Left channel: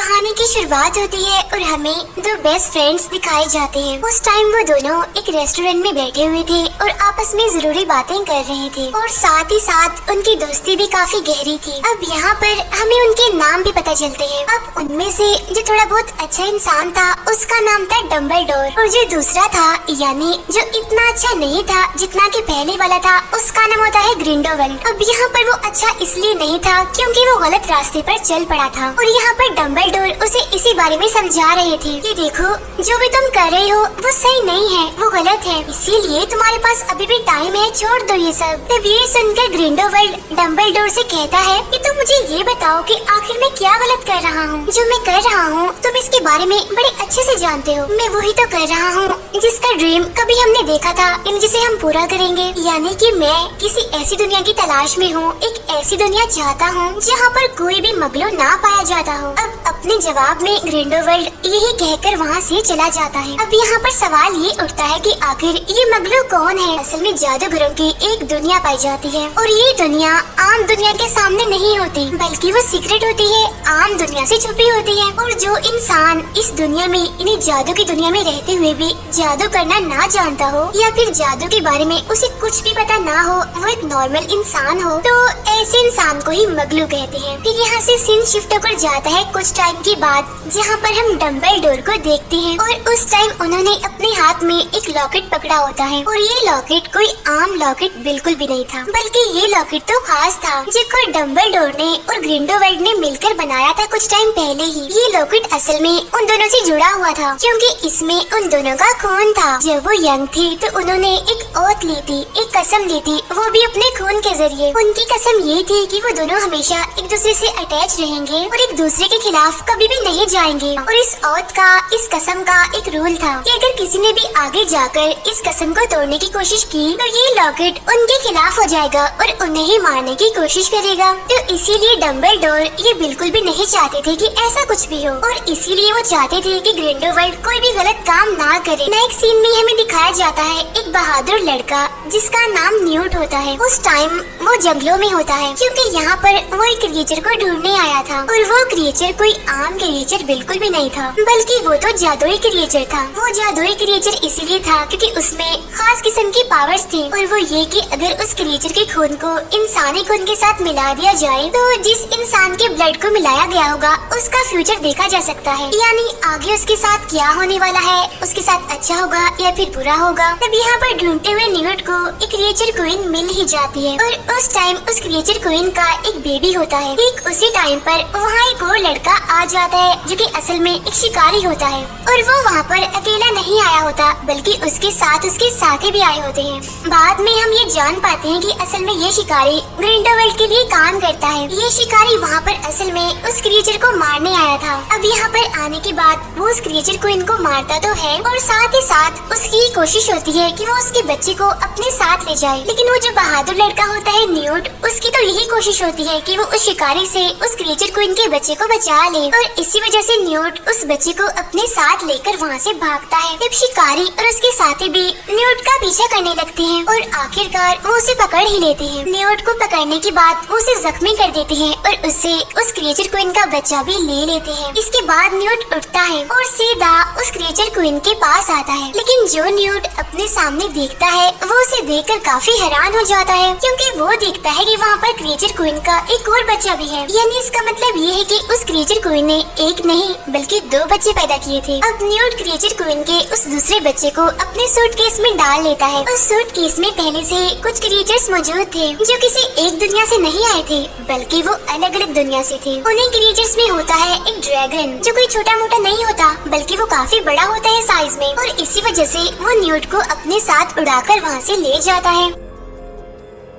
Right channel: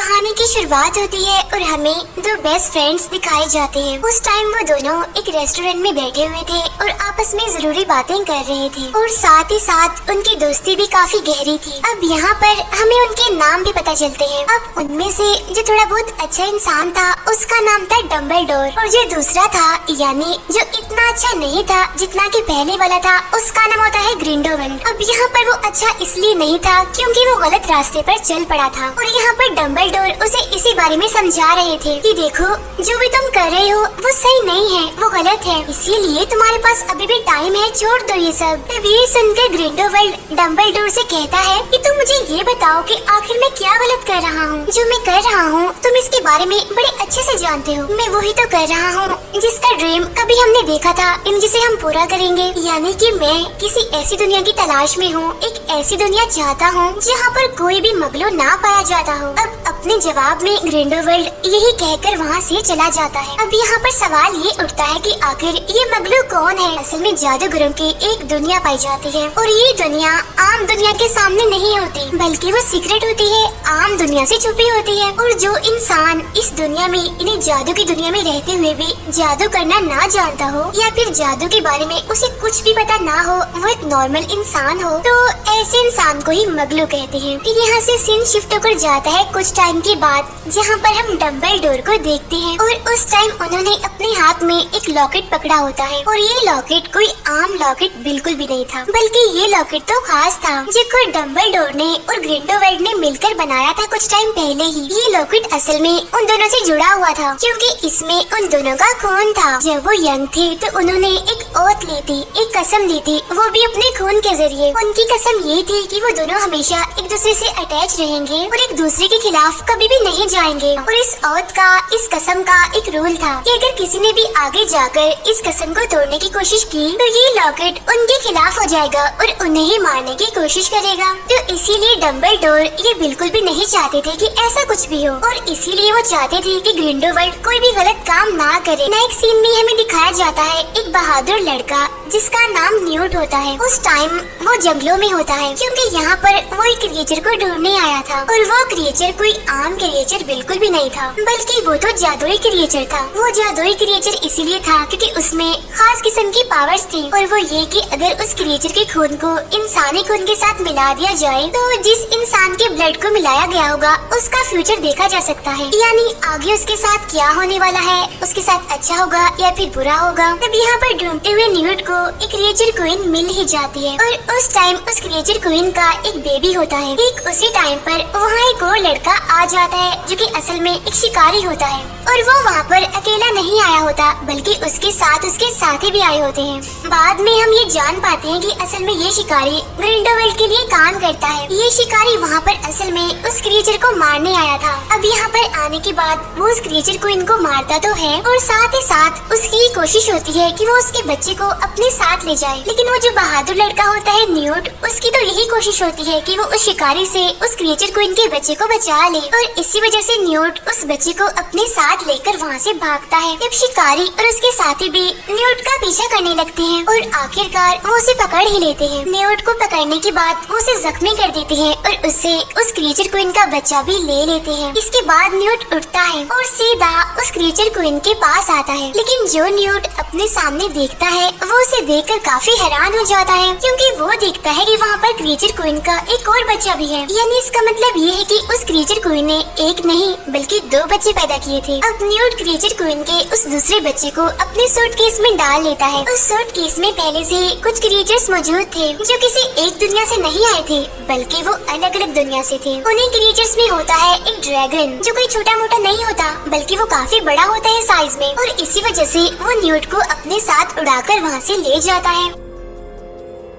कहानी की शुरुआत होती है और हमें दो बेस्ट फ्रेंड्स दिखाए जाते हैं। उस टाइम वो दोनों एक रेस्टोरेंट में बैठे हुए थे और आपस में जरूरी बातें कर रहे थे और साथ ही साथ उनकी दोस्ती भी काफी गहरी थी। अब यहाँ पर हमें उनके नाम भी पता चलते हैं। अब उनमें से जो थोड़ा बहुत अच्छा इंसान था उसका नाम था डम्बलडोर और जो दूसरा था यानी जो इतना अच्छा नहीं था जितना कि पहले वाला था उसका नाम होता है ग्रिंडोवल्ड। अब यहाँ पर वो अच्छा इसलिए नहीं था क्योंकि वो गलत रास्ते पर चल पड़ा था और यहाँ पर डम्बलडोर उसे इसी बारे में समझा रहे थे कि देखो जो भी तुम कर रहे हो वो सही नहीं है, वो गलत है, इसीलिए तुम्हारे पास अभी भी टाइम है, छोड़ दो ये सब। तब ये सुनकर ग्रिंडोवल्ड डम्बलडोर से कहता है कि तुम मुझे ये बताओ कि आखिर मैं क्या गलत कर रहा हूँ। जो मैं कर रहा हूँ तुम इसके बारे में बड़े अच्छे से जानते हो। मैं वही तो कर रहा हूँ जिसका ड्रीम कभी हमने देखा था जिसे हम पूरा करेंगे, यानी कि मैं किसी ऐसी दुनिया की तलाश में हूँ, एक ऐसी दुनिया चाहता हूँ जहाँ पर कोई भी मगलू ना पाया जाता हो। अब अपने जवाब में ग्रिंडोवल्ड यही कहकर वहाँ से चला जाता है। अब यहाँ पर सवाल ये उठता है कि आखिर ये मगलू कौन है। असल में जादूगरों की एक दुनिया पाई जाती है और ये दुनिया आम दुनिया के सामने नहीं होती बल्कि वो सीक्रेट होती है, आम दुनिया से छुपी होती है। और जो इंसान इस दुनिया में इन्हें जादू की दुनिया में रहते हुए भी जादू करना ना जानता हो या फिर जादू के बारे में उसे कुछ भी पता ना हो, वो एक नॉर्मल इंसान हो, तो ऐसे इंसान को ही मगलू कहते हैं। फिर यहाँ से सीन शिफ्ट होकर जाता है कुछ टाइम के बाद जहाँ पर हम डम्बलडोर को देखते हैं और उस टाइम उन्होंने अपने हाथ में एक लॉकेट पकड़ा होता है और ये लॉकेट कोई आम लॉकेट बिल्कुल भी नहीं था बल्कि ये लॉकेट तो खास था जो खुद डम्बलडोर ने और ग्रिंडोवल्ड ने मिलकर बनाया था कुछ टाइम पहले ही। ये लॉकेट असल में उन दोनों से जुड़ा हुआ था क्योंकि इसमें उन दोनों का खून था। जब वो यंग थे तो उन्होंने एक ओथ ली थी, एक कसम ली थी, वो भी अपने खून के जरिए। उनकी कसम ये थी कि वो दोनों हमेशा एक दूसरे से अटैच रहेंगे और एक दूसरे के खिलाफ कभी भी नहीं जाएंगे। और इस ओथ का, इस कसम का एक रूल था कि अगर किसी ने भी आगे जाकर इस कसम को तोड़ने की कोशिश की तो ये लॉकेट उनके खिलाफ हो जाएगा और उन्हें ही मारने की कोशिश करेगा। तो इसीलिए डम्बलडोर ये बिल्कुल भी नहीं चाहते थे कि ऐसा कुछ भी हो और इसीलिए वो चाहते थे कि ग्रिंडोवल्ड कोई भी गलत काम ना करे। नेक्स्ट सीन में हमें दिखाया जाता है एक बहादुर लड़का जिसका नाम न्यूट होता है। उस टाइम वो जंगलों में होता है क्योंकि यहाँ पर वो एक क्रिएचर को ढूंढने आया था और वो क्रिएचर कोई आम क्रिएचर बिल्कुल भी नहीं था बल्कि वो तो जादुई क्रिएचर था। वो जादुई क्रिएचर इसीलिए था क्योंकि उसमें खास किस्म की पावर्स थी और वो ये कि अगर उस क्रिएचर के खून को इंसानी खून के साथ मिला दिया जाए तो जिस इंसान के ब्लड को मिलाया गया होगा उसका फ्यूचर देखा जा सकता है, यानी आगे उसके साथ क्या होने वाला है, उसके साथ अच्छा होगा या फिर बुरा होगा। तब यहाँ पर ढूंढते हुए न्यूट को एक क्रिएचर क्वीन मिल ही जाती है और उस टाइम उस क्रिएचर क्वीन का एक बेबी होता है। ठीक उसी टाइम पर वहाँ एक और लड़का आ जाता है जो कि असल में एक शिकारी होता है और वो वहाँ पर अकेला नहीं आया होता बल्कि उसके साथ उसके साथी भी आए होते हैं। बाद में हम ये जान पाते हैं कि असल में ये शिकारी ग्रिंडोवल्ड के लिए काम करता है। ये शिकारी वहाँ पर असल में उस क्रिएचर को मारने आया था। अब यहाँ पर आने के बाद वो उस क्रिएचर को इनको मारता तो है और साथ ही साथ उसकी कोशिश होती है कि वो उसके बच्चे को अपने साथ ले जाए, लेकिन वो जो बहादुर लड़का होता है न्यूट, उसकी तो यही कोशिश होती है कि वो उस शिकारी से उस क्रिएचर को इनके बच्चे को बचा ले और इसी वजह से न्यूट उस बच्चे को अपने साथ लेकर वहाँ से भागता है। जब शिकारी और उसके साथी भी न्यूट का पीछा करने लगते हैं और आखिरकार वो उसे पकड़ ही लेते हैं। न्यूट को पकड़ने के बाद वो उसे जख्मी कर देते हैं और उससे उस क्रिएचर क्वीन का बच्चा भी ले लेते हैं। इसके बाद न्यूट उठता है और सीधा उस क्रिएचर क्वीन के पास आता है, लेकिन जो न्यूट अपने सामने देखता है वो उसे देखकर काफी हैरान हो जाता है क्योंकि वो देखता है कि वहाँ पर क्रिएचर क्वीन का एक और बच्चा भी है। यानी इसका मतलब ये है कि उस क्रिएचर क्वीन ने एक नहीं बल्कि दो बच्चे पैदा किए थे। अब न्यूट क्रिएचर क्वीन के उस दूसरे बच्चे को अपने सूटकेस में डाल लेता है। उस सूटकेस में पहले से कुछ क्रिएचर्स मौजूद थे जो किसी एक दुनिया से नहीं आए थे बल्कि वो अलग अलग दुनिया से थे। उन्हीं क्रिएचर्स में होता है एक ड्रैगन जो कोई छोटा मोटा नहीं होता बल्कि वो काफी बड़ा होता है साइज में और इसी वजह से वो न्यूट को अपने साथ उड़ाकर वहाँ से ले जाता है।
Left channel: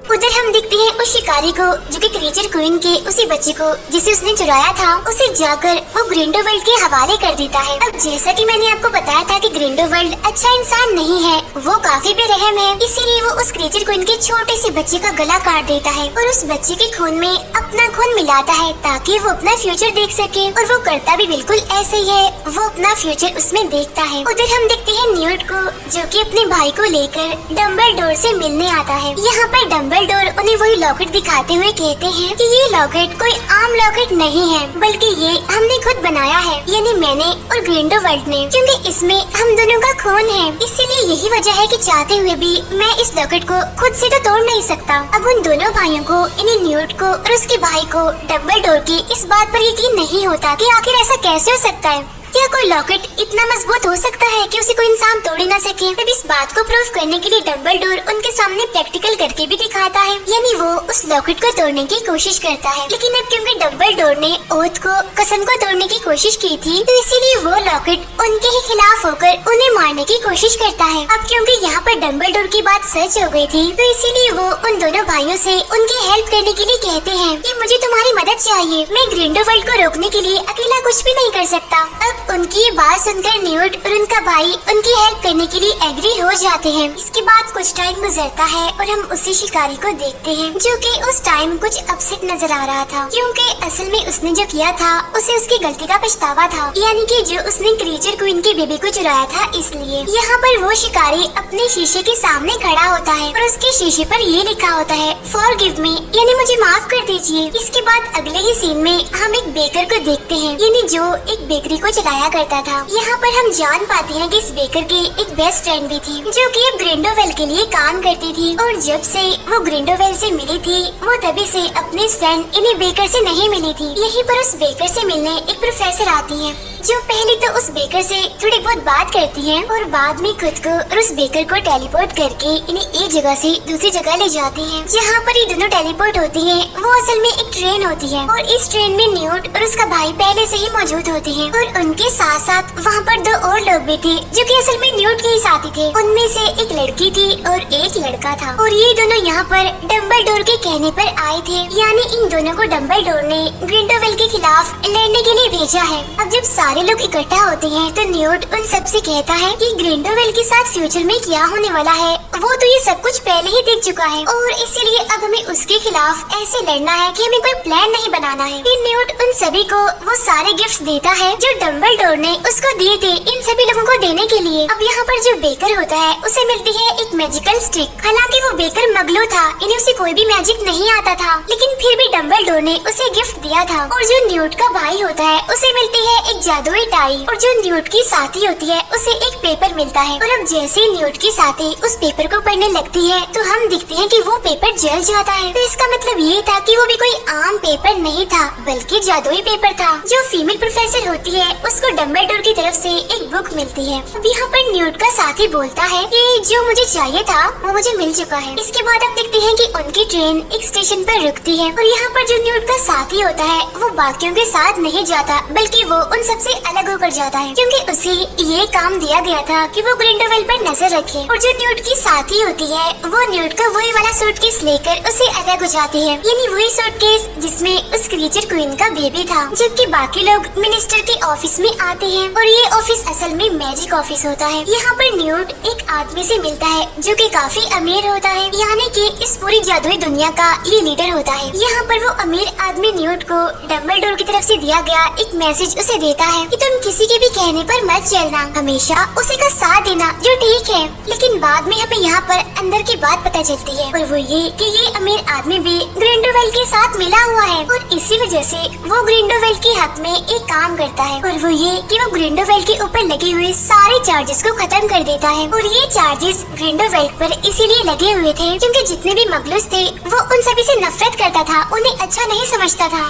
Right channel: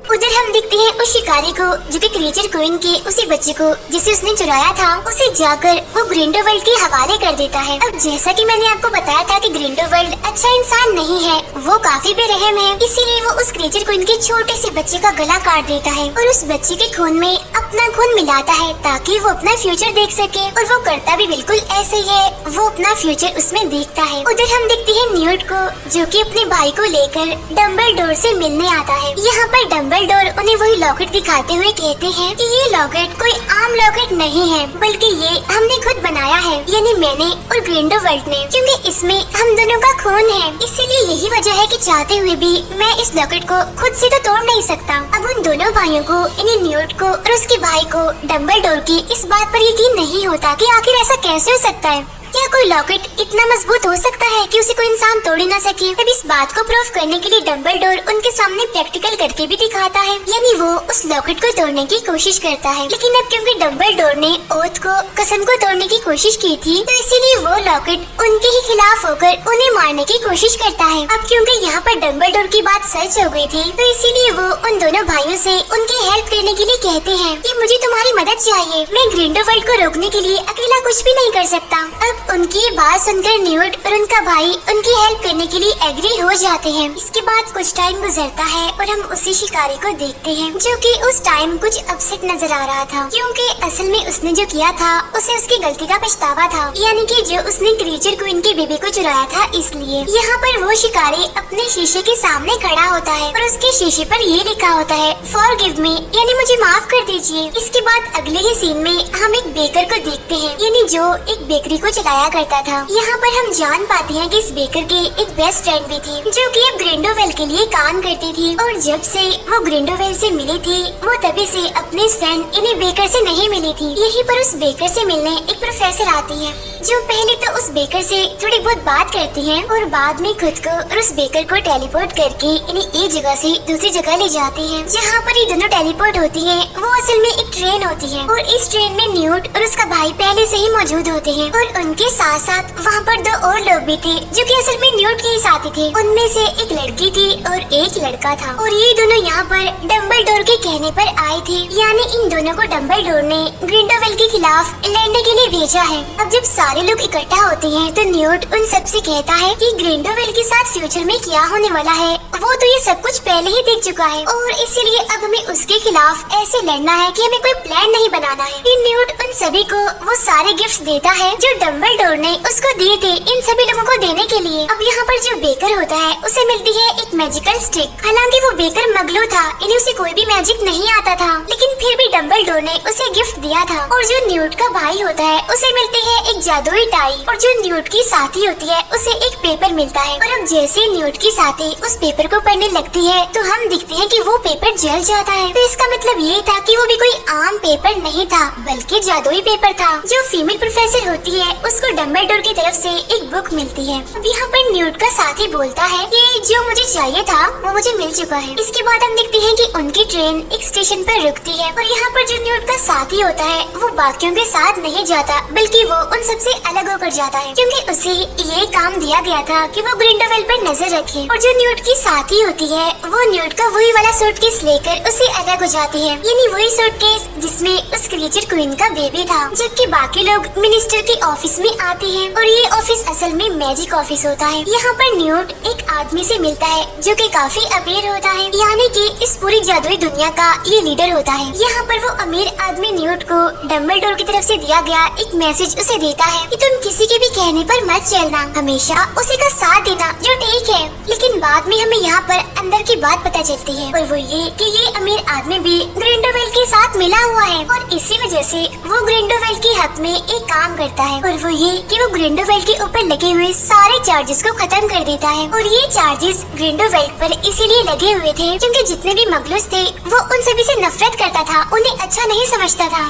उधर हम देखते हैं उस शिकारी को जो कि क्रिएचर क्वीन के उसी बच्चे को जिसे उसने चुराया था उसे जाकर वो ग्रिंडोवल्ड के हवाले कर देता है। अब जैसा कि मैंने आपको बताया था कि ग्रिंडोवल्ड अच्छा इंसान नहीं है, वो काफी बेरहम है, इसीलिए वो उस क्रिएचर क्वीन के छोटे से बच्चे का गला काट देता है और उस बच्चे के खून में अपना खून मिलाता है ताकि वो अपना फ्यूचर देख सके और वो करता भी बिल्कुल ऐसे ही है, वो अपना फ्यूचर उसमें देखता है। उधर हम देखते हैं न्यूट को जो कि अपने भाई को लेकर डम्बलडोर से मिलने आता है। यहाँ पर डम्बलडोर उन्हें वही लॉकेट दिखाते हुए कहते हैं कि ये लॉकेट कोई आम लॉकेट नहीं है, बल्कि ये हमने खुद बनाया है, यानी मैंने और ग्रिंडलवाल्ड ने, क्योंकि इसमें हम दोनों का खून है। इसीलिए यही वजह है कि चाहते हुए भी मैं इस लॉकेट को खुद से तो तोड़ नहीं सकता। अब उन दोनों भाइयों को, यानी न्यूट को और उसके भाई को, डम्बलडोर की इस बात पर यकीन नहीं होता कि आखिर ऐसा कैसे हो सकता है। क्या कोई लॉकेट इतना मजबूत हो सकता है कि उसे कोई इंसान तोड़ ही न सके? तब इस बात को प्रूव करने के लिए डम्बलडोर उनके सामने प्रैक्टिकल करके भी दिखाता है, यानी वो उस लॉकेट को तोड़ने की कोशिश करता है। लेकिन अब क्योंकि डम्बलडोर ने ओथ को, कसम को तोड़ने की कोशिश की थी, तो इसीलिए वो लॉकेट उनके ही खिलाफ होकर उन्हें मारने की कोशिश करता है। अब क्योंकि यहाँ पर डम्बलडोर की बात सच हो गई थी, तो इसीलिए वो उन दोनों भाइयों से उनकी हेल्प करने के लिए कहते हैं कि मुझे तुम्हारी मदद चाहिए, मैं ग्रिंडलवाल्ड को रोकने के लिए अकेला कुछ भी नहीं कर सकता। अब उनकी बात सुनकर न्यूट और उनका भाई उनकी हेल्प करने के लिए एग्री हो जाते हैं। इसके बाद कुछ टाइम गुजरता है और हम उसी शिकारी को देखते हैं, जो कि उस टाइम कुछ अपसेट नजर आ रहा था, क्योंकि असल में उसने जो किया था उसे उसकी गलती का पछतावा था, यानी कि जो उसने क्रीचर क्वीन की बेबी को चुराया था। इसलिए यहाँ पर वो शिकारी अपने शीशे के सामने खड़ा होता है और उसके शीशे पर ये लिखा होता है, फॉरगिव मी, यानी मुझे माफ कर दीजिए। इसके बाद अगले ही सीन में हम एक बेकर को देखते हैं, यानी जो एक बेकरी को चलाया करता था। यहाँ पर हम जान पाते हैं कि इस बेकर के एक बेस्ट फ्रेंड भी थी, जो कि अब ग्रिंडलवाल्ड के लिए काम करती थी, और जब से वो ग्रिंडलवाल्ड से मिली थी, वो तभी से अपने फ्रेंड इन्हीं बेकर से नहीं मिली थी। यहीं पर उस बेकर से मिलने एक प्रोफेसर आती है, जो पहले तो उस बेकर से थोड़ी बहुत बात करती हैं और बाद में खुद को और उस बेकर को टेलीपोर्ट करके इन्हें एक जगह से दूसरी जगह ले जाती हैं। जहाँ पर ये दोनों टेलीपोर्ट होती हैं, वो असल में एक ट्रेन होती है, और इस ट्रेन में न्यूट और उसका भाई पहले से ही मौजूद होते हैं, और उनके साथ साथ वहाँ पर दो और लोग भी थे, जो कि असल में न्यूट के ही साथी थे। उनमें से एक लड़की थी और एक लड़का था, और ये दोनों यहाँ पर डम्बलडोर के कहने पर आए थे, यानी इन दोनों को डम्बलडोर ने ग्रिंडलवाल्ड के खिलाफ लड़ने के लिए भेजा है। अब जब सारे लोग इकट्ठा होते हैं, तो न्यूट उन सबसे कहता है कि ग्रिंडलवाल्ड के साथ फ्यूचर में क्या होने वाला है वो तो ये सब कुछ पहले ही देख चुका है, और इसीलिए अब हमें उसके खिलाफ ऐसे लड़ना है कि हमें कोई प्लान नहीं बनाना है। फिर न्यूट उन सभी को वो सारे गिफ्ट्स देता है जो डम्बलडोर ने उसको दिए थे इन सभी लोगों को देने के लिए। अब यहाँ पर जो बेकर होता है उसे मिलती है एक मैजिकल स्टिक। हालांकि वो बेकर मगलू था, इन्हें उसे कोई भी मैजिक नहीं आता था, लेकिन फिर भी डम्बलडोर ने उसे गिफ्ट दिया था। और जो न्यूट का भाई होता है उसे मिलती है एक जादुई टाई, और जो न्यूट की साथी होती है उसे एक पेपर मिलता है। और अब जैसे न्यूट की साथी उस पेपर को पढ़ने लगती है, तो हम दिखते हैं कि वो पेपर जल जाता है। तो इसका मतलब ये था कि वो भी कोई आम पेपर नहीं था, बल्कि जादुई पेपर था। जो फीमेल प्रोफेसर होती है उसको डम्बलडोर की तरफ से एक बुक मिलती है। अब यहाँ पर न्यूट का साथी बोलता है कि जो मुझे चाहिए था वो मुझे मिल चुका है। इसके बाद हम देखते हैं कि उनकी ट्रेन एक स्टेशन पर रुकती है, और यहाँ पर जो न्यूट का साथी होता है वो बाकियों के साथ नहीं जाता, बल्कि वो उन सबसे अलग होकर जाता है, क्योंकि उसे ये काम दिया गया था कि वो ग्रिंडलवाल्ड पर नजर रखे। और जो न्यूट की साथी होती है वो न्यूट का वही वाला सूटकेस लेकर उससे अलग हो जाती है, यानी वही सूटकेस जिसमें उस क्रीचर क्वीन का बेबी था। जबकि बाकी लोग मिनिस्टर के ऑफिस में आते हैं, और ये ऑफिस असल में मैजिक ऑफिस होता है। यहाँ पर न्यूट एक आदमी से मिलता है जो कि काफी अमीर होता है, यानी कि इस पूरी जादुई दुनिया का ये लीडर होता है। यहाँ पर वो अमीर आदमी न्यूट को डम्बलडोर की तरफ से दिया गया एक मैसेज उसे देता है कि तुम किसी के भी कहने पर मत चलना, हमेशा उसी का साथ देना, जो ठीक है। लेकिन बाद में हमें यहाँ पर अंदर की बात पता चलती है, और वो ये कि ये अमीर आदमी भी ग्रिंडलवाल्ड के साथ मिला हुआ है, और इसी वजह से वो ग्रिंडलवाल्ड के हक में एक काम करता है, और वो ये कि वो ग्रिंडलवाल्ड के ऊपर लगे हुए सारे चार्जेस को खत्म कर देता है। और ये चार्जेस ग्रिंडलवाल्ड पर इसीलिए लगे हुए थे क्योंकि जितने भी मगलूस थे वो उन सभी से नफरत करता था, उन्हें अच्छा नहीं समझता था।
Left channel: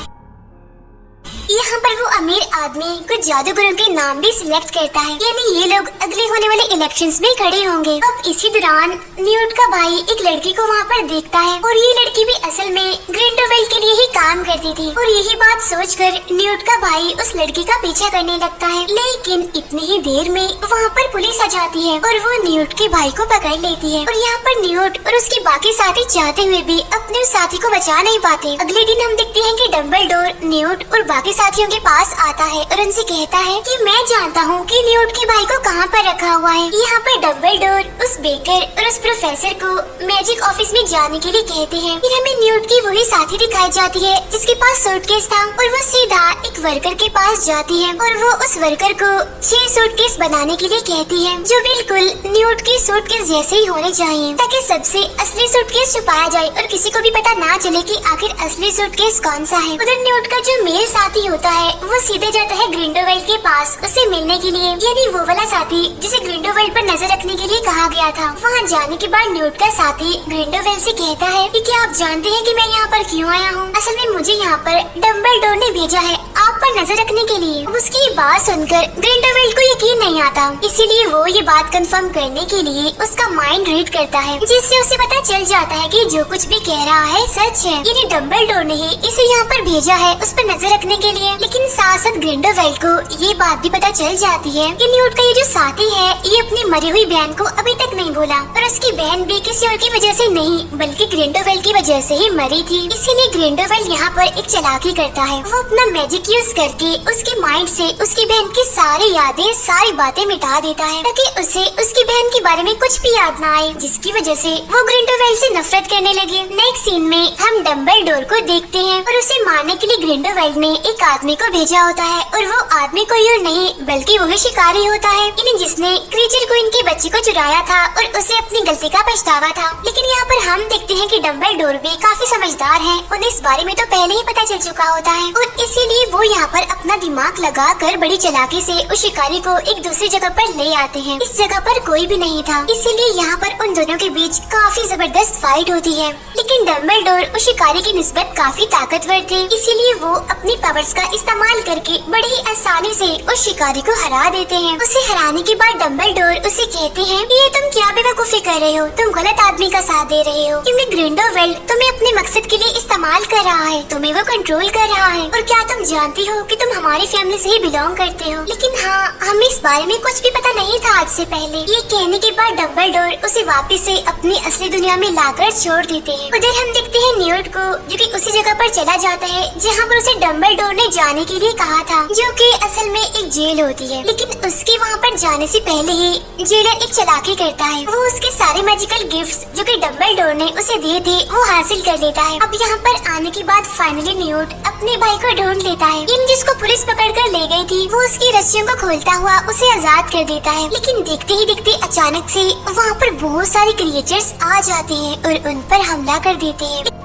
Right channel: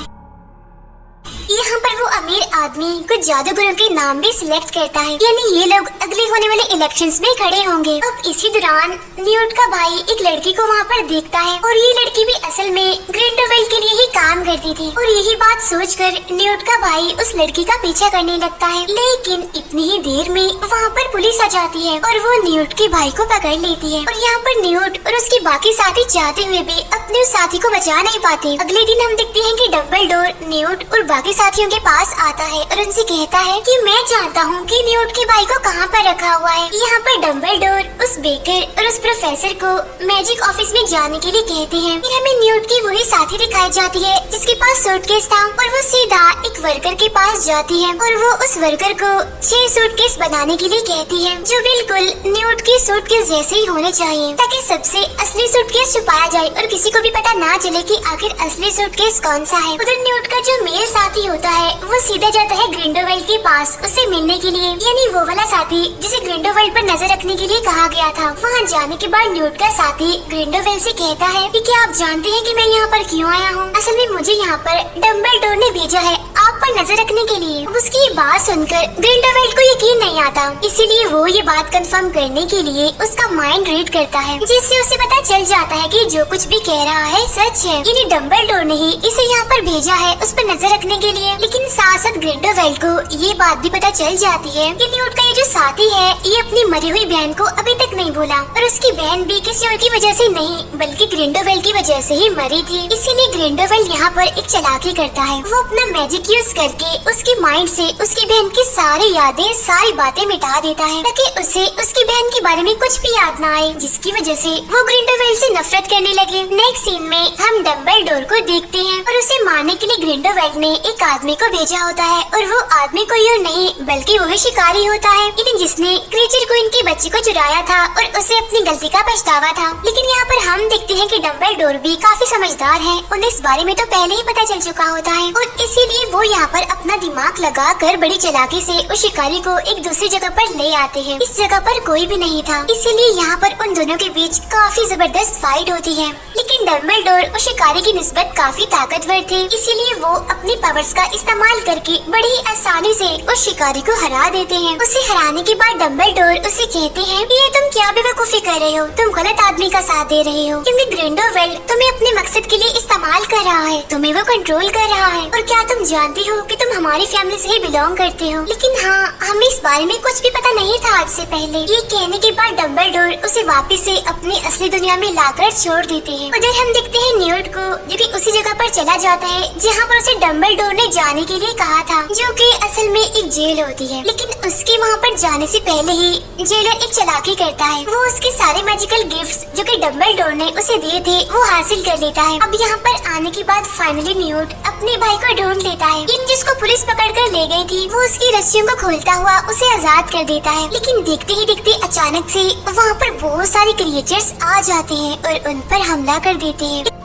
यहाँ पर वो अमीर आदमी कुछ जादूगरों के नाम भी सिलेक्ट करता है, यानी ये लोग अगले होने वाले इलेक्शंस में खड़े होंगे। अब इसी दौरान न्यूट का भाई एक लड़की को वहाँ पर देखता है, और ये लड़की भी असल में ग्रिंडलवाल्ड के लिए ही काम करती थी। और यही बात सोचकर न्यूट का भाई उस लड़की का पीछा करने लगता है, लेकिन इतनी ही देर में वहाँ पर पुलिस आ जाती है और वो न्यूट के भाई को पकड़ लेती है। और यहाँ पर न्यूट और उसके बाकी साथी चाहते हुए भी अपने उस साथी को बचा नहीं पाते। अगले दिन हम देखते हैं कि डम्बलडोर, न्यूट और बाकी साथियों साथियों के पास आता है और उनसे कहता है कि मैं जानता हूँ कि न्यूट के भाई को कहाँ पर रखा हुआ है। यहाँ पर डम्बलडोर उस बेकर और उस प्रोफेसर को मैजिक ऑफिस में जाने के लिए कहते हैं। फिर हमें न्यूट की वही साथी दिखाई जाती है जिसके पास सूटकेस था और वो सीधा एक वर्कर के पास जाती है और वो उस वर्कर को 6 सूटकेस बनाने के लिए कहती है, जो बिल्कुल न्यूट की सूटकेस जैसे ही होने चाहिए, ताकि सबसे असली सूटकेस छुपाया जाए और किसी को भी पता ना चले कि आखिर असली सूटकेस कौन सा है। उधर न्यूट का जो मेल साथी होता है वो सीधा जाता है ग्रिंडोवेल्ड के पास उसे मिलने के लिए, यानी वो वाला साथी जिसे ग्रिंडोवेल्ड पर नजर रखने के लिए कहा गया था। वहाँ जाने के बाद न्यूट का साथी ग्रिंडोवेल्ड से कहता है कि क्या आप जानते हैं कि मैं यहाँ पर क्यों आया हूँ? असल में मुझे यहाँ पर डम्बलडोर ने भेजा है आप पर नजर रखने के लिए। उसकी ये बात सुनकर ग्रिंडोवेल्ड को यकीन नहीं आता, इसीलिए वो ये बात कंफर्म करने के लिए उसका माइंड रीड करता है, जिससे उसे पता चल जाता है कि जो कुछ भी कह रहा है सच है, यानी डम्बलडोर ने ही इसे यहाँ पर भेजा है उस पर नजर रखने के लिए। लेकिन साथ साथ ग्रिंडोवेल्ड को ये बात भी पता चल जाती है कि न्यूट का ये जो साथी है ये अपनी मरी हुई बहन को अभी तक नहीं भूला और उसकी बहन भी किसी और की वजह से नहीं बल्कि ग्रिंडोवेल्ड की वजह से ही मरी थी। इसीलिए ग्रिंडोवेल्ड यहाँ पर एक चालाकी करता है, वो अपना मैजिक यूज करके उसके माइंड से उसकी बहन की सारी यादें सारी बातें मिटा देता है, ताकि उसे उसकी बहन के बारे में कुछ भी याद न आए, जिसकी वजह से वो ग्रिंडोवेल्ड से नफरत करने लगे। नेक्स्ट सीन में हम डम्बलडोर को देखते हैं और उसे मारने के लिए ग्रिंडोवेल्ड ने एक आदमी को भेजा होता है और वो आदमी कोई और नहीं बल्कि वही शिकारी होता है, यानी जिसने क्रीचर को इनके बच्चे को चुराया था और उसे अपनी गलती का पछतावा था। लेकिन यहाँ पर हम देखते हैं कि डम्बलडोर भी काफी समझदार है, उन्हें इस बारे में तो पहले ही पता चल चुका होता है और इसीलिए वो यहाँ पर अपना दिमाग लगाकर बड़ी चालाकी से उस शिकारी को एक दूसरी जगह पर ले आते हैं। इस जगह पर कोई भी नहीं था, इसीलिए यहाँ पर उन दोनों के बीच काफी जबरदस्त फाइट होती है। लेकिन डम्बलडोर उस शिकारी की निस्बत काफी ताकतवर थी, इसीलिए वो अपनी पावर्स का इस्तेमाल करके बड़ी ही आसानी से उस शिकारी को हरा देते हैं। उसे हराने के बाद डम्बलडोर उसे कहते हैं कि ये तुम क्या बेवकूफी कर रहे हो, तुम गलत आदमी का साथ दे रहे हो, क्योंकि ग्रिंडोवेल्ड तुम्हें अपने मकसद के लिए इस्तेमाल कर रहा है, तुम्हें वो कंट्रोल कर रहा है। और क्या तुम जानती हो कि तुम हमारी फैमिली से ही बिलोंग करते हो? लेकिन हाँ, हमें इस बारे में कुछ भी पता नहीं था आज से पहले। ये कहने के बाद डम्बलडोर उसे वापस से अपनी असली दुनिया में लाकर छोड़ देते हैं। उधर हम देखते हैं न्यूट को, जो कि उसी जगह पर चला जाता है जहाँ पर उसे डम्बलडोर ने जाने के लिए कहा था, जो कि असल में एक जेल होती है। लेकिन उसके वहाँ पर जाने से पहले ही जेलर एक चालाकी करता है, वो उसके सारे मैजिकल गिफ्ट्स जो कि डम्बलडोर ने उसे दिए थे वो हासिल कर लेता है। अब यहाँ पर आने के बाद फाइनली न्यूट अपने भाई को ढूंढ लेता है, जिसको पुलिस पकड़ कर ले गई थी, वो उसकी रस्सियों को खोलता हुआ उसे आजाद कर देता है। लेकिन देखते ही देखते अचानक से वहाँ पर बहुत सारे क्रिएचर्स आ जाते हैं और उन पर हमला कर देते हैं।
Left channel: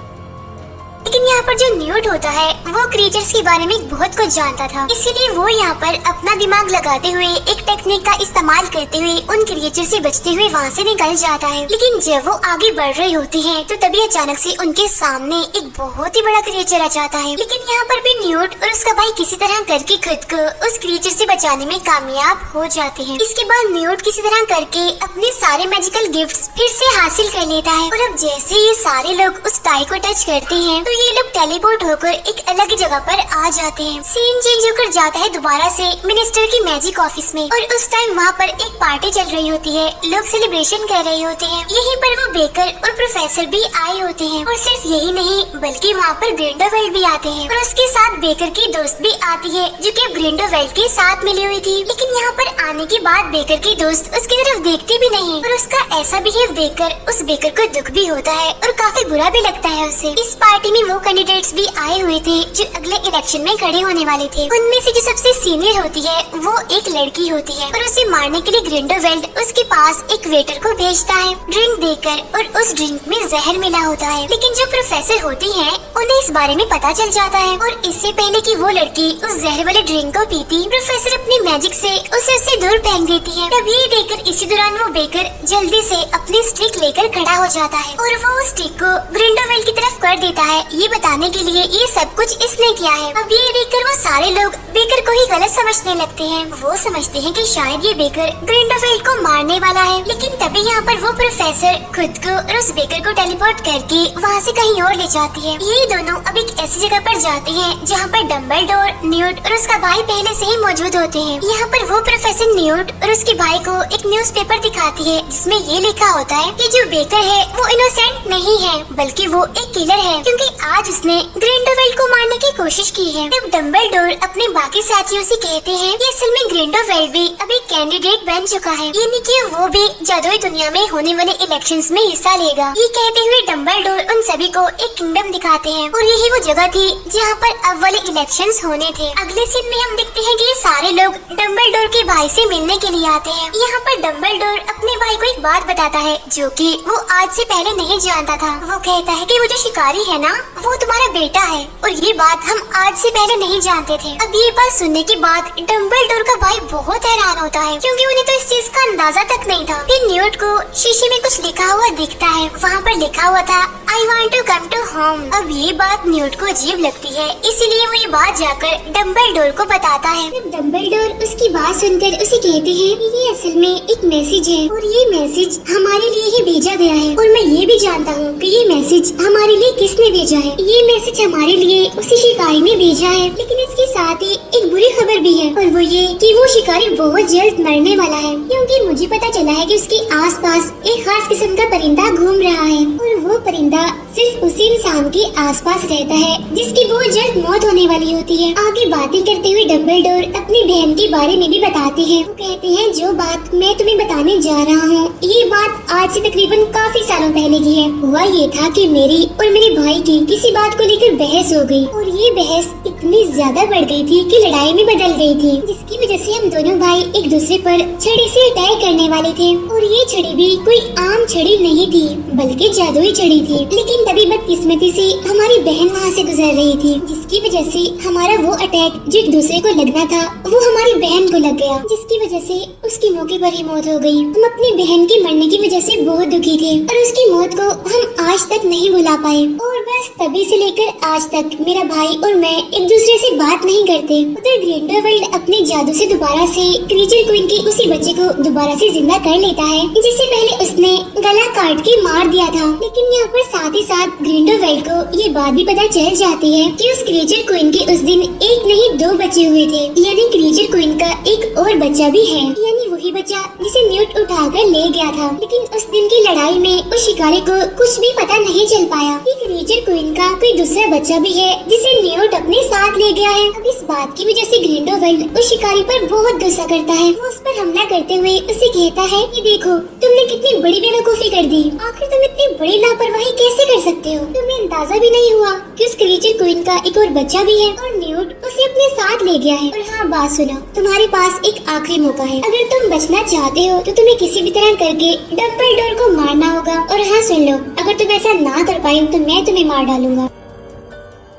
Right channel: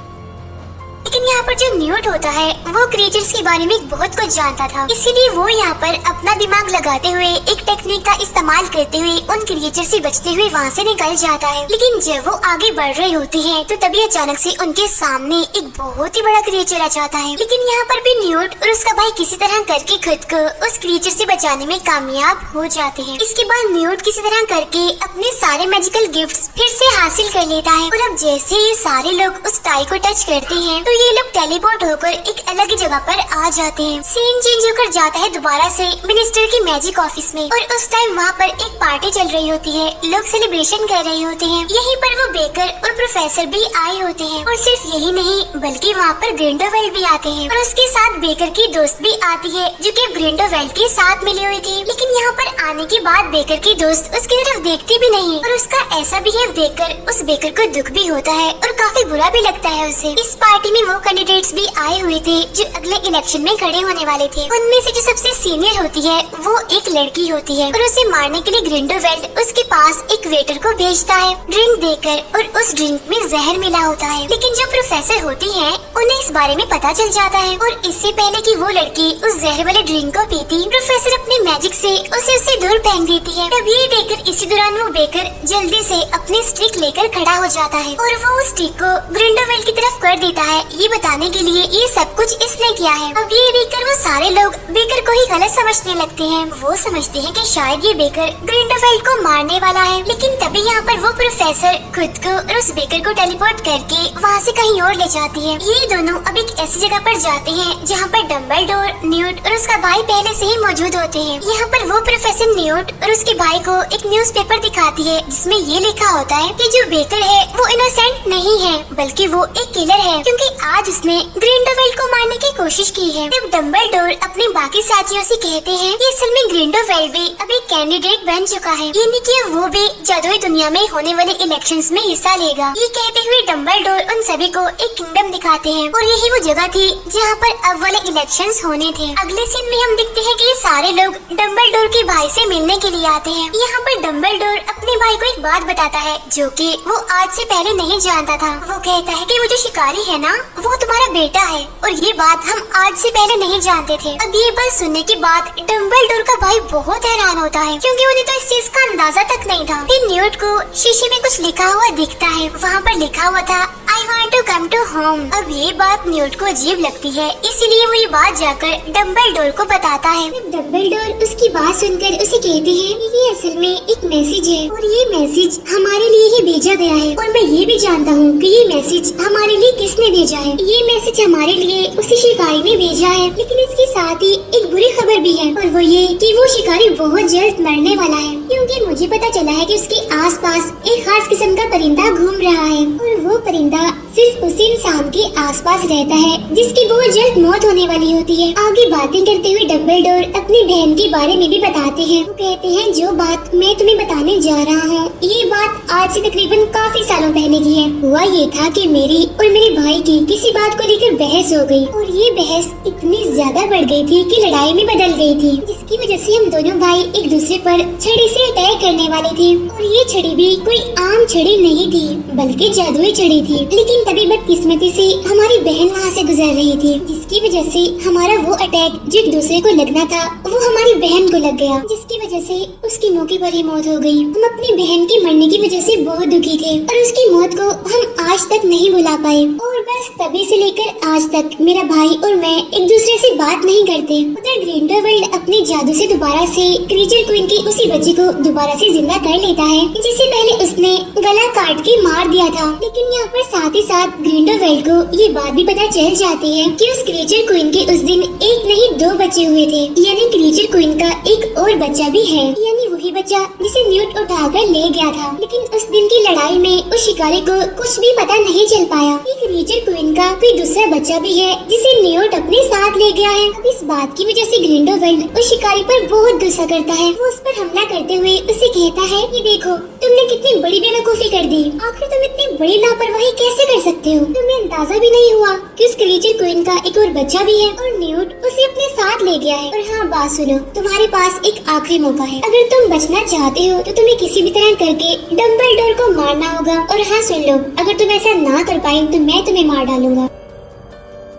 लेकिन यहाँ पर जो न्यूट होता है वो क्रिएचर्स के बारे में बहुत कुछ जानता था, इसीलिए वो यहाँ पर अपना दिमाग लगाते हुए एक टेक्निक का इस्तेमाल करते हुए उन क्रिएचर से बचते हुए वहाँ से निकल जाता है। लेकिन जब वो आगे बढ़ रहे होते हैं तो तभी अचानक से उनके सामने एक बहुत ही बड़ा क्रिएचर आ जाता है। लेकिन यहाँ पर भी न्यूट और उसका भाई किसी तरह करके खुद को उस क्रिएचर से बचाने में कामयाब हो जाते हैं। इसके बाद न्यूट किसी तरह करके अपने सारे मैजिकल गिफ्ट्स फिर से हासिल कर लेता है और अब जैसे ये सारे लोग उस टाई को टच करते हैं तो ये लोग टेलीपोर्ट होकर एक अलग ही जगह पर आ जाते हैं। सीन चेंज होकर जाता है दोबारा से मिनिस्टर की मैजिक ऑफिस में और उस टाइम वहाँ पर एक पार्टी चल रही होती है, लोग सेलिब्रेशन कर रहे होते हैं। यहीं पर वो बेकर और प्रोफेसर भी आए होते हैं और सिर्फ यही नहीं बल्कि वहाँ पर ग्रिंडोवेल्ड भी आते हैं और उसके साथ बेकर की दोस्त भी आती है जो कि ग्रिंडोवेल्ड के साथ मिली हुई थी। लेकिन यहाँ पर आने के बाद बेकर की दोस्त उसकी तरफ देखती भी नहीं और उसका ऐसा बिहेव देखकर उस बेकर को दुख भी होता है और काफी बुरा भी लगता है उसे। इस पार्टी में वो कैंडिडेट्स भी आए हुए थे जो अगले इलेक्शन में खड़े होने वाले थे। उनमें से जो सबसे सीनियर होती है वो एक लड़की होती है और उसे मारने के लिए ग्रिंडोवेल्ड उसके पास एक वेटर को भेजता है ड्रिंक देकर और उस ड्रिंक में जहर मिला होता है। लेकिन जो प्रोफेसर होती है उन्हें इस बारे में पता चल जाता है और इससे पहले कि वो लड़की उस जहर वाले ड्रिंक को पीती, प्रोफेसर अपनी मैजिक से उसे दूर फेंक देती है। तब ये देखकर इसी दौरान वो बेकर जल्दी से अपनी स्टिक लेकर खड़ा हो जाता है और वो उस स्टिक को ग्रिंडोवेल्ड की तरफ कर देता है, ये बताने के लिए ये सब कुछ इसने किया है। अब ये देखकर वो सारे लोग बेकर को ही गलत समझने लगते हैं। वो समझते हैं कि शायद ये बेकर ग्रिंडोवेल्ड को मारने वाला है। लेकिन तभी यहाँ पर वो प्रोफेसर खुद को और उस बेकर को टेलीपोर्ट करके वहाँ से कहीं और ले जाती है। ये दोनों अब एक ऐसी जगह पर जाते हैं जहाँ पर डम्बलडोर, न्यूट और उसका भाई पहले से ही मौजूद होते हैं। यहाँ पर वो प्रोफेसर न्यूट और उसके भाई को एक न्यूज़पेपर दिखाती है जिसमें ये लिखा होता है कि जो बेकर है वो इनोसेंट नहीं नहीं है बल्कि वो एक किलर है, क्योंकि आज उसने ग्रिंडेलवेल्ड को मारने की कोशिश की है। तब डम्बलडोर अपने बाकी साथियों से कहते हैं कि असल में ग्रिंडेलवेल्ड भी अब एक कैंडिडेट बन चुका है, यानी कि वो भी जादुई दुनिया में होने वाले इलेक्शंस में हिस्सा लेगा। ये कहते हुए डम्बलडोर उन सभी को एक किंगडम दिखाते हैं और यही वो जगह थी जहाँ पर अब वाले इलेक्शंस होने थे। अगले सीन में हम देखते हैं कि ये सारे लोग डम्बलडोर के भाई से मिलने के लिए आते हैं। यहाँ पर डम्बलडोर अपने भाई को एक बात बताता है जो कि वो आज से पहले नहीं जानता था। वो कहता है कि वो जो शिकारी है ना, वो तुम्हारा बेटा है, और ये बात हम आज से पहले नहीं जानते थे। अब ये बात सुनने के बाद डम्बलडोर का भाई बहुत हैरान होता है, क्योंकि उन्हें तो इस चीज का अंदाजा तक नहीं था। फिर न्यूट को शीशे में कुछ लिखा हुआ दिखता है। वहाँ पर लिखा हुआ था I want to come to home. अब ये बात न्यूट को अजीब लगती है, इसीलिए वो ये बात जाकर डम्बलडोर को बताता है। डम्बलडोर उसकी बात सुनकर उसे कहती है ये असल में एक मैसेज है और ये मैसेज हमारे लिए ही भेजा गया है, और मैं ये भी जानता हूँ कि ये मैसेज हमारे लिए किसने भेजा है। ये मैसेज हमारे लिए उसी शिकारी ने भेजा है, लेकिन इसके साथ ही एक बुरी खबर भी है, और वो ये कि वो शिकारी बहुत जल्द मरने वाला है, क्योंकि मुझे पता चला है कि उसके आसपास एक खास किस्म का परिंदा घूम रहा है, और वो परिंदा सिर्फ उसी इंसान के आसपास रहता है जिसकी बहुत जल्द मौत होने वाली होती है। आगे बातें करते हुए डम्बलडोर अपनी बहन के बारे में भी बताते हैं। वो कहते हैं जो बात मैं तुम्हें बताने जा रहा हूँ, ये बात आज से तकरीबन काफी सालों पहले की है। हुआ ये था कि मेरी और मेरे भाई की किसी बात को लेकर बहस हो गई, और ये बहस इतनी ज्यादा बढ़ गई थी कि लड़ाई में बदल गई थी, जिसकी वजह से हम दोनों भाई एक दूसरे पर छड़ी से अटैक करने वाले थे। और ये छड़ी भी कोई आम छड़ी नहीं थी, बल्कि जादुई छड़ी थी। लेकिन तभी बदकिस्मती से हमारी बहन वहाँ से गुजर रही थी, जिसकी वजह से हमारा वो अटैक जो एक दूसरे को लगना था वो हमारी बहन को लग गया, जिसकी वजह से उसकी मौके पर ही मौत हो गई। हम अपनी बहन के मरने की वजह से बहुत दुखी थे, और उसकी मौत को हम आज तक नहीं भुला पाए, और बस तभी से लेकर आज तक मेरा भाई और मैं एक दूसरे से बात नहीं करते। उधर ग्रिंडेलवेल्ड अपने जादू से दोबारा से क्रीचर क्वीन के उसी बच्चे को दोबारा से जिंदा कर लेता है, जिसे पहले उसने गला काट के मार दिया था। लेकिन यहाँ पर साथ ही साथ ग्रिंडेलवेल्ड को ये बात भी पता चल जाती है कि उस क्रीचर क्वीन के उस दिन एक नहीं दो बच्चे हुए थे, यानी क्रीचर क्वीन का एक और बच्चा भी है, यानी वही बच्चा जिसे न्यूट उठाकर ले गया था। लेकिन उस दिन की लड़ाई में उस शिकारी को कुछ भी पता नहीं चल पाया कि क्रीचर क्वीन का कोई दूसरा बच्चा भी है जिसे न्यूट अपने साथ ले गया है। अब इस बात की वजह से ग्रिंडेलवेल्ड उस शिकारी पर बहुत गुस्सा करता है। वो उस पर हमला करते हुए उसे कहता है कि देखो तुमने कितनी बड़ी बेवकूफी कर दी, आखिर तुम इतनी बड़ी लापरवाही कैसे कर सकते हो? तुम्हें अंदाजा भी नहीं हुआ कि उस क्रीचर क्वीन का एक और बच्चा भी है, और न्यूट उसे अपने साथ ले गया है। और हाँ, बात सुनो, तुम्हारे पास एक आखिरी मौका है। अगर तुम बचना चाहते हो तो तुम्हें किसी भी तरह करके डम्बलडोर को मारना होगा। और हाँ सुन लो, अगर तुम ऐसा ना कर पाए तो मैं तुम्हें मार डालूंगा।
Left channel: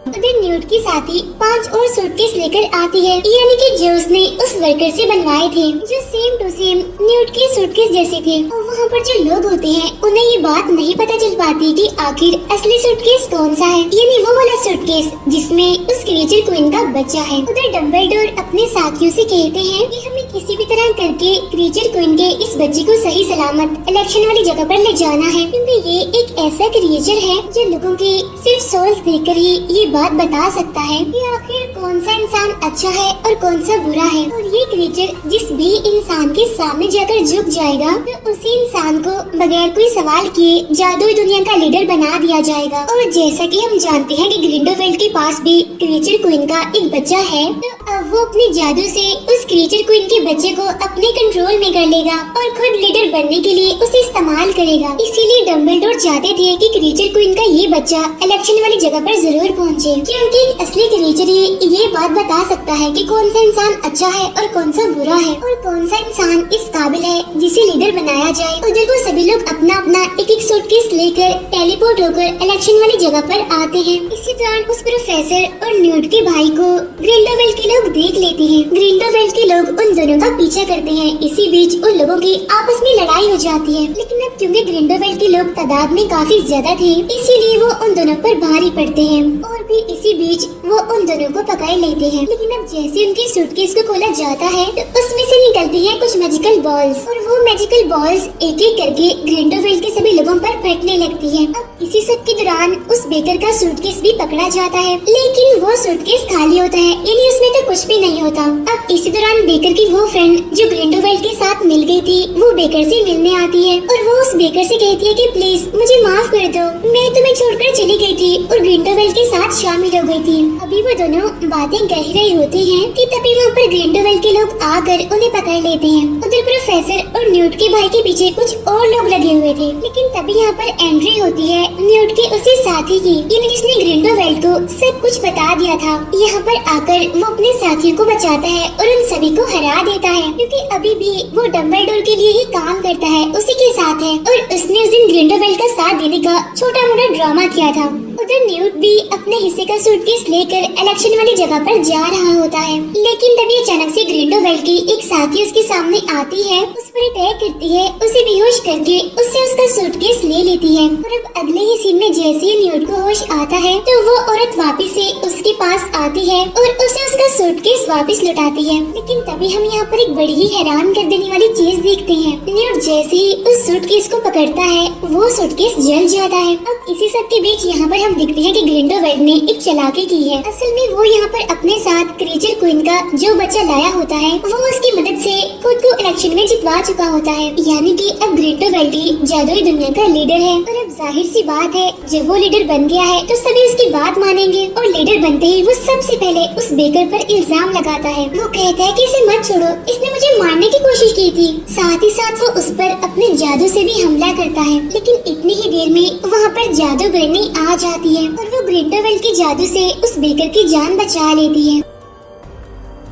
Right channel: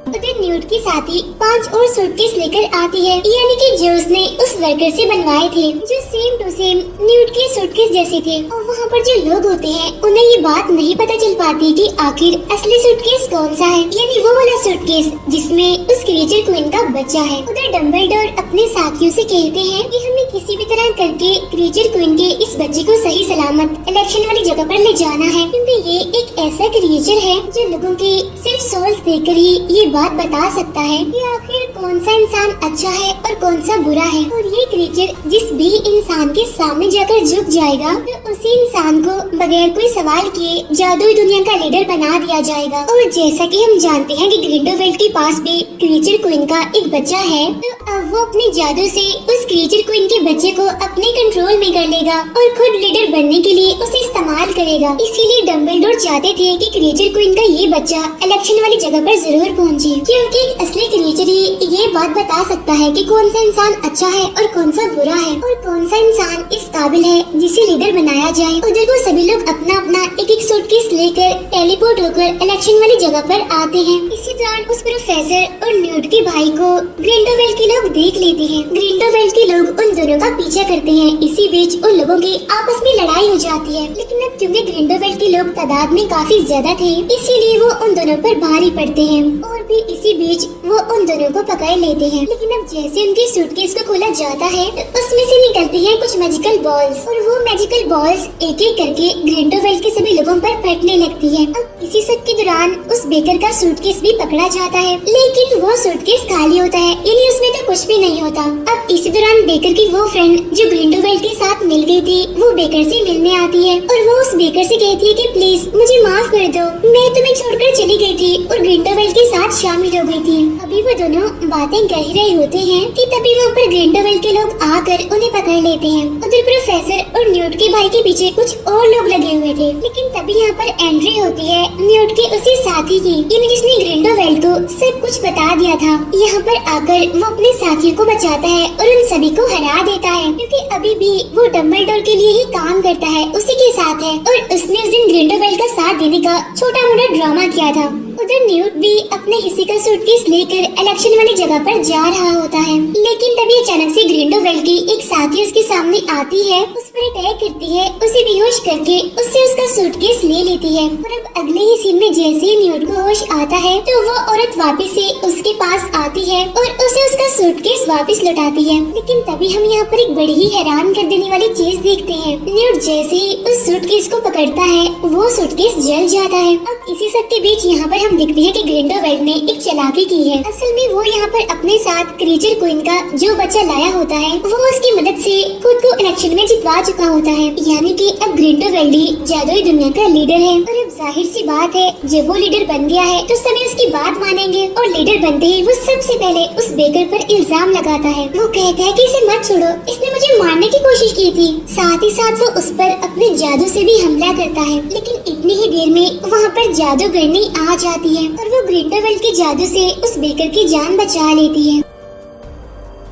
उधर न्यूट के साथी 5 और सूटकेस लेकर आती है, यानी कि जो उसने उस वर्कर से बनवाए थे, जो सेम टू सेम न्यूट के सूटकेस जैसे थे। और वहाँ पर जो लोग होते हैं उन्हें ये बात नहीं पता चल पाती कि आखिर असली सूटकेस कौन सा है, यानी वो वाला सूटकेस जिसमें उस क्रीचर क्वीन का बच्चा है। उधर डम्बलडोर अपने साथियों से कहते हैं कि हमें किसी भी तरह करके क्रीचर क्वीन के इस बच्चे को सही सलामत इलेक्शन वाली जगह पर ले जाना है, क्योंकि ये एक ऐसा क्रीचर है जो लोगों के सिर्फ सोल्स देखकर ही ये बात बता सकता है कि आखिर कौन सा इंसान अच्छा है और कौन सा बुरा है। और ये क्रीचर जिस भी इंसान के सामने जाकर झुक जाएगा तो उसी इंसान को बगैर कोई सवाल किए जादुई दुनिया का लीडर बना दिया जाएगा। और जैसा कि हम जानते हैं कि ग्रिंडेलवेल्ड के पास भी क्रीचर क्वीन का एक बच्चा है, तो अब वो अपने जादू से उस क्रीचर क्वीन के बच्चे को अपने कंट्रोल में कर लेगा और खुद लीडर बनने के लिए उसे इस्तेमाल करेगा। इसीलिए डम्बलडोर चाहते थे कि क्रीचर क्वीन का ये बच्चा इलेक्शन वाली जगह पर जरूर पहुँचे, क्योंकि एक असली क्रीचर ही ये बात बता सकता है कि कौन सा इंसान अच्छा है और कौन सा बुरा है, और कौन सा इंसान इस काबिल है जिसे लीडर बनाया जाए। उधर वो सभी लोग अपना अपना एक एक सूटकेस लेकर टेलीपोर्ट होकर इलेक्शन वाली जगह पर आते हैं। इसी दौरान उस प्रोफेसर और न्यूट के भाई को ग्रिंडेलवेल्ड के लोग देख लेते हैं। ग्रिंडेलवेल्ड के लोग उन दोनों का पीछा करते हैं। इसी बीच उन लोगों की आपस में लड़ाई हो जाती है, लेकिन अब क्योंकि ग्रिंडेलवेल्ड के लोग तादाद में काफी ज्यादा थे, इसीलिए वो उन दोनों पर भारी पड़ते हैं, और भी इसी बीच वो उन दोनों को पकड़ लेते हैं। लेकिन अब जैसे उनके सूटकेस को खोला जाता है तो उसमें से निकलती हैं कुछ मैजिकल बॉल्स, और वो मैजिकल बॉल्स एक एक करके ग्रिंडेलवेल्ड के सभी लोगों पर फटने लगती है। अब इसी सब के दौरान उस बेकर का सूटकेस भी पकड़ा जाता है, लेकिन वो सूटकेस खाली होता है, यानी उसमें तो कुछ भी नहीं होता। अब इसी दौरान बेकर की वो फ्रेंड जो ग्रिंडलवेल्ड के साथ मिल गई थी वो बेकर से मिलने आती है और वो उस बेकर से कहती है कि प्लीज मुझे माफ कर दो, मैं तुम्हें छोड़कर चली गई थी और ग्रिंडलवेल्ड के साथ शामिल हो गई थी। अभी वो दोनों बातें कह रहे होते हैं कि तभी वहाँ पर ग्रिंडलवेल्ड के लोग आकर उन्हें पकड़ लेते हैं। उधर प्रोफेसर और न्यूट के भाई के पीछे कुछ और लोग लगे हुए थे, लेकिन तभी यहाँ पर एंट्री होती है न्यूट के उसी साथी की जिसने ग्रिंडलवेल्ड को सब कुछ बता दिया था। यहाँ पर आकर वो अपने साथियों को बचाता है और उन सभी को हरा देता है, क्योंकि अभी भी वो डम्बलडोर के लिए ही काम करता है, उसी के साथ है और उसने उस दिन ग्रिंडलवेल्ड का साथ देने का छोटा मोटा ड्रामा किया था। उधर न्यूट भी अपने हिस्से का सूटकेस लेकर इलेक्शन वाली जगह पर जा रहा होता है, लेकिन तभी अचानक से ग्रिंडलवेल्ड की एक साथी उसके सामने आती है, उस पर अटैक करती है, उसे बेहोश करके उससे उसका सूटकेस ले लेती है। और अब अगले ही सीन में जैसे ही न्यूट को होश आता है तो वो औरत वापस से उसके पास आती है और उसे उसका सूटकेस वापस लौटाती है। लेकिन तभी हम यहाँ पर एक बड़ी ही हैरान कर देने वाली चीज देखते हैं। न्यूट जैसे ही उस सूटकेस को पकड़ता है वो सूटकेस जल जाता है। अब इसी सब के बीच यहाँ पर हम देखते हैं कि ग्रिंडलवेल्ड ने एक चालाकी की है। असल में वो यहाँ पर अपने साथ क्रीचर क्वीन का जो बच्चा लाया होता है वो उसकी मदद से खुद को इलेक्शन में जितवा चुका होता है, यानी कि अब ग्रिंडलवेल्ड ही जादुई दुनिया का लीडर है। और अब जाहिर सी बात है जब वो लीडर बन गया है तो सभी उसकी बात मानेंगे और लीडर बनते ही वो सबसे पहले उस बेकर पर इल्जाम लगाता है। वो कहता है कि इसे मत छोड़ो, इसने मुझे मारने की कोशिश की थी। साथ ही साथ वो उस पर अपने जादू से भी हमला करता है, लेकिन इतनी ही देर में वहाँ पर जादूगरनी आ जाती है और वो ग्रिंडलवेल्ड के जादू से उस बेकर की जान बचा लेती है।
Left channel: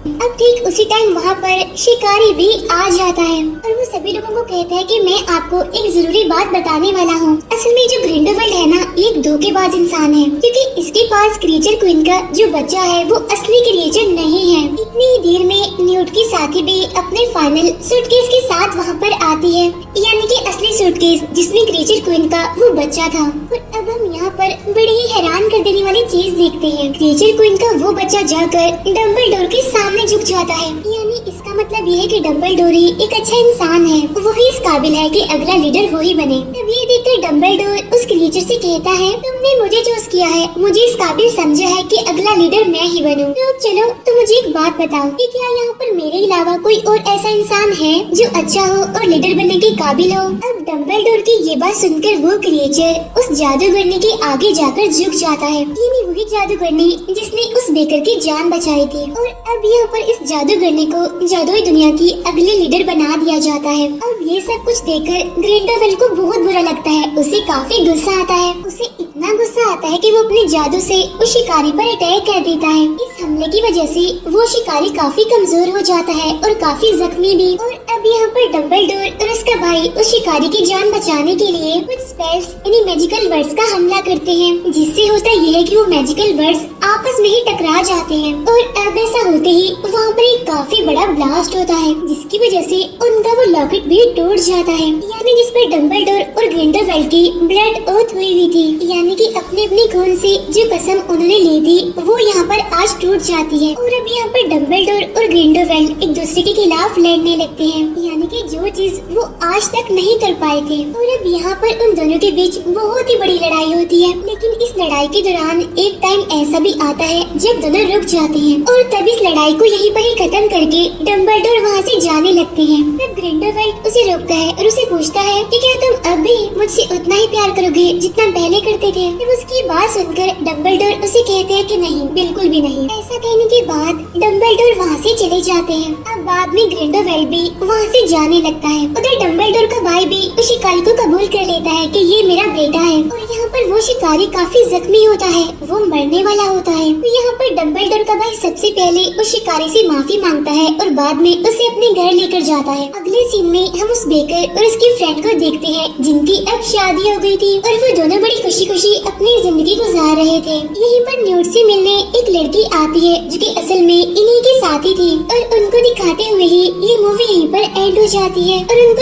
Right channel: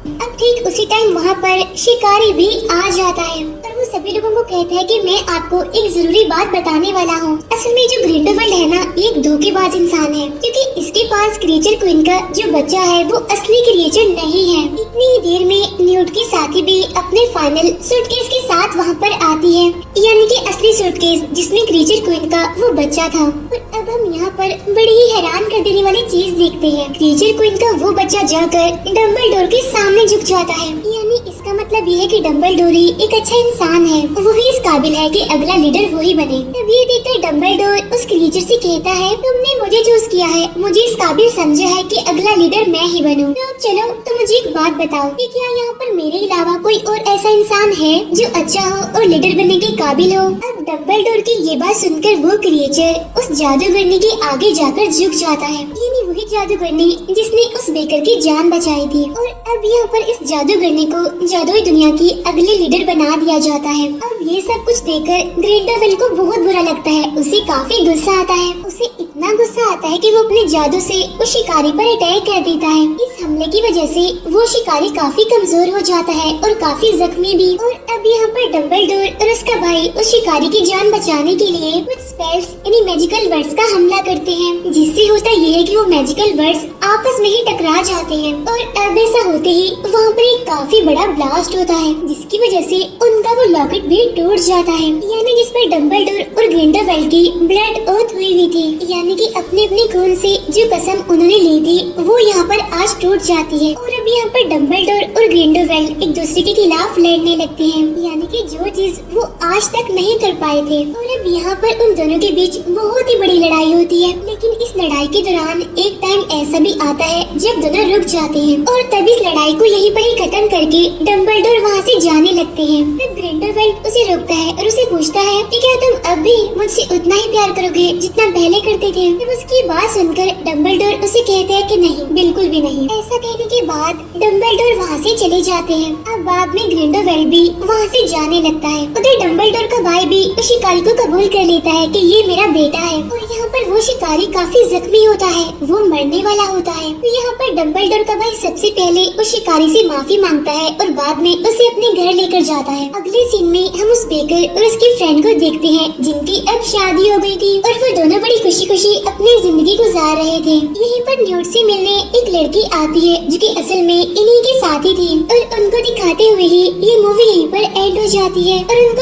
अब ठीक उसी टाइम वहाँ पर शिकारी भी आ जाता है और वो सभी लोगों को कहता है कि मैं आपको एक जरूरी बात बताने वाला हूँ। असल में जो ग्रिंडलवेल्ड है ना, ये एक धोखेबाज इंसान है, क्योंकि इसके पास क्रीचर क्वीन का जो बच्चा है वो असली क्रीचर नहीं है। इतनी ही देर में न्यूट की साथी भी अपने फाइनल सूटकेस के साथ वहाँ पर आती है, यानी कि असली सूटकेस जिसमें क्रीचर क्वीन का वो बच्चा था। और अब हम यहाँ पर बड़ी ही हैरान कर देने वाली चीज देखते हैं। क्रीचर क्वीन का वो बच्चा जाकर डम्बलडोर के सामने झुक जाता है, यानी इसका मतलब ये है कि डम्बलडोर ही एक अच्छा इंसान है, वो ही इस काबिल है कि अगला लीडर वो ही बने। तब ये देखकर डम्बलडोर उस क्रीचर से कहता है तुमने मुझे चूज किया है, मुझे इस काबिल समझा है कि अगला लीडर मैं ही बनूं। तो चलो तुम मुझे एक बात बताओ कि क्या यहाँ पर मेरे अलावा कोई और ऐसा इंसान है जो अच्छा हो और लीडर बनने के काबिल हो। अब डम्बलडोर की ये बात सुनकर वो क्रीचर उस जादूगरनी के आगे जाकर झुक जाता है, यानी वही जादूगरनी जिसने उस बेकर की जान बचाई थी। और अब यहाँ पर इस जादूगरनी को जादुई दुनिया की अगले लीडर बना दिया जाता है। अब ये सब कुछ देखकर ग्रिंडलवेल्ड को बहुत बुरा लगता है, उसे काफी गुस्सा आता है। उसे इतना गुस्सा आता है कि वो अपने जादू से उस शिकारी पर अटैक कर देता है। इस हमले की वजह से वो शिकारी काफी कमजोर हो जाता है और काफी जख्मी भी। और अब यहाँ पर डम्बलडोर और उसका भाई उस शिकारी की जान बचाने के लिए कुछ स्पेल्स यानी मैजिकल वर्ड्स का हमला करते हैं, जिससे होता ये है कि वो मैजिकल वर्ड्स आपस में ही टकरा जाते हैं। और अब ऐसा होते ही वहाँ पर एक काफी बड़ा ब्लास्ट होता है, जिसकी वजह से उनका वो लॉकेट भी टूट जाता है, यानी जिस पर डम्बलडोर और ग्रिंडलवेल्ड की ब्लड ओथ हुई हुई थी, यानी कि अपने अपने खून से जो कसम उन्होंने ली थी वो यहाँ पर आज टूट जाती है। और अब यहाँ पर डम्बलडोर और ग्रिंडलवेल्ड एक दूसरे के खिलाफ लड़ने लगते हैं, यानी कि जो चीज वो आज तक नहीं कर पाए थे। और अब यहाँ पर उन दोनों के बीच बहुत ही बड़ी लड़ाई होती है, लेकिन इस लड़ाई के दौरान एक टाइम ऐसा भी आता है जब दोनों रुक जाते हैं और तब इस लड़ाई को यहीं पर ही खत्म करके डम्बलडोर वहाँ से जाने लगते हैं। तब ग्रिंडलवेल्ड उसे रोकता है और उसे पूछता है कि क्या तुम अब भी मुझसे उतना ही प्यार करोगे जितना पहले करते थे। तब उसकी बात सुनकर डम्बलडोर उसे कहते हैं कि नहीं, बिल्कुल भी नहीं। ऐसा कहने के बाद डम्बलडोर वहाँ से चले जाते हैं। अब बाद में ग्रिंडलवेल्ड भी वहाँ से जाने लगता है। उधर डम्बलडोर का भाई भी उस शिकारी को कबूल कर लेता है कि ये मेरा बेटा है। और यहाँ पर वो शिकारी काफी जख्मी होता है, वो मरने वाला होता है। तो यहाँ पर डम्बलडोर का भाई सबसे पहले उस शिकारी से माफी मांगता है और बाद में उसे अपने घर लेकर जाता है। अगले सीन में हम उस बेकर और उसके फ्रेंड को देखते हैं जिनकी अब शादी हो गई थी और वो दोनों बड़ी खुशी खुशी अपनी जिंदगी गुजार रहे थे। यहीं पर न्यूट से मिलने एक लड़की आती है जो कि असल में इन्हीं के साथी थी और उनको दिखाते हुए ही ये मूवी यहीं पर एंड हो जाती है। Thank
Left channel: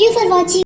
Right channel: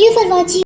you for watching.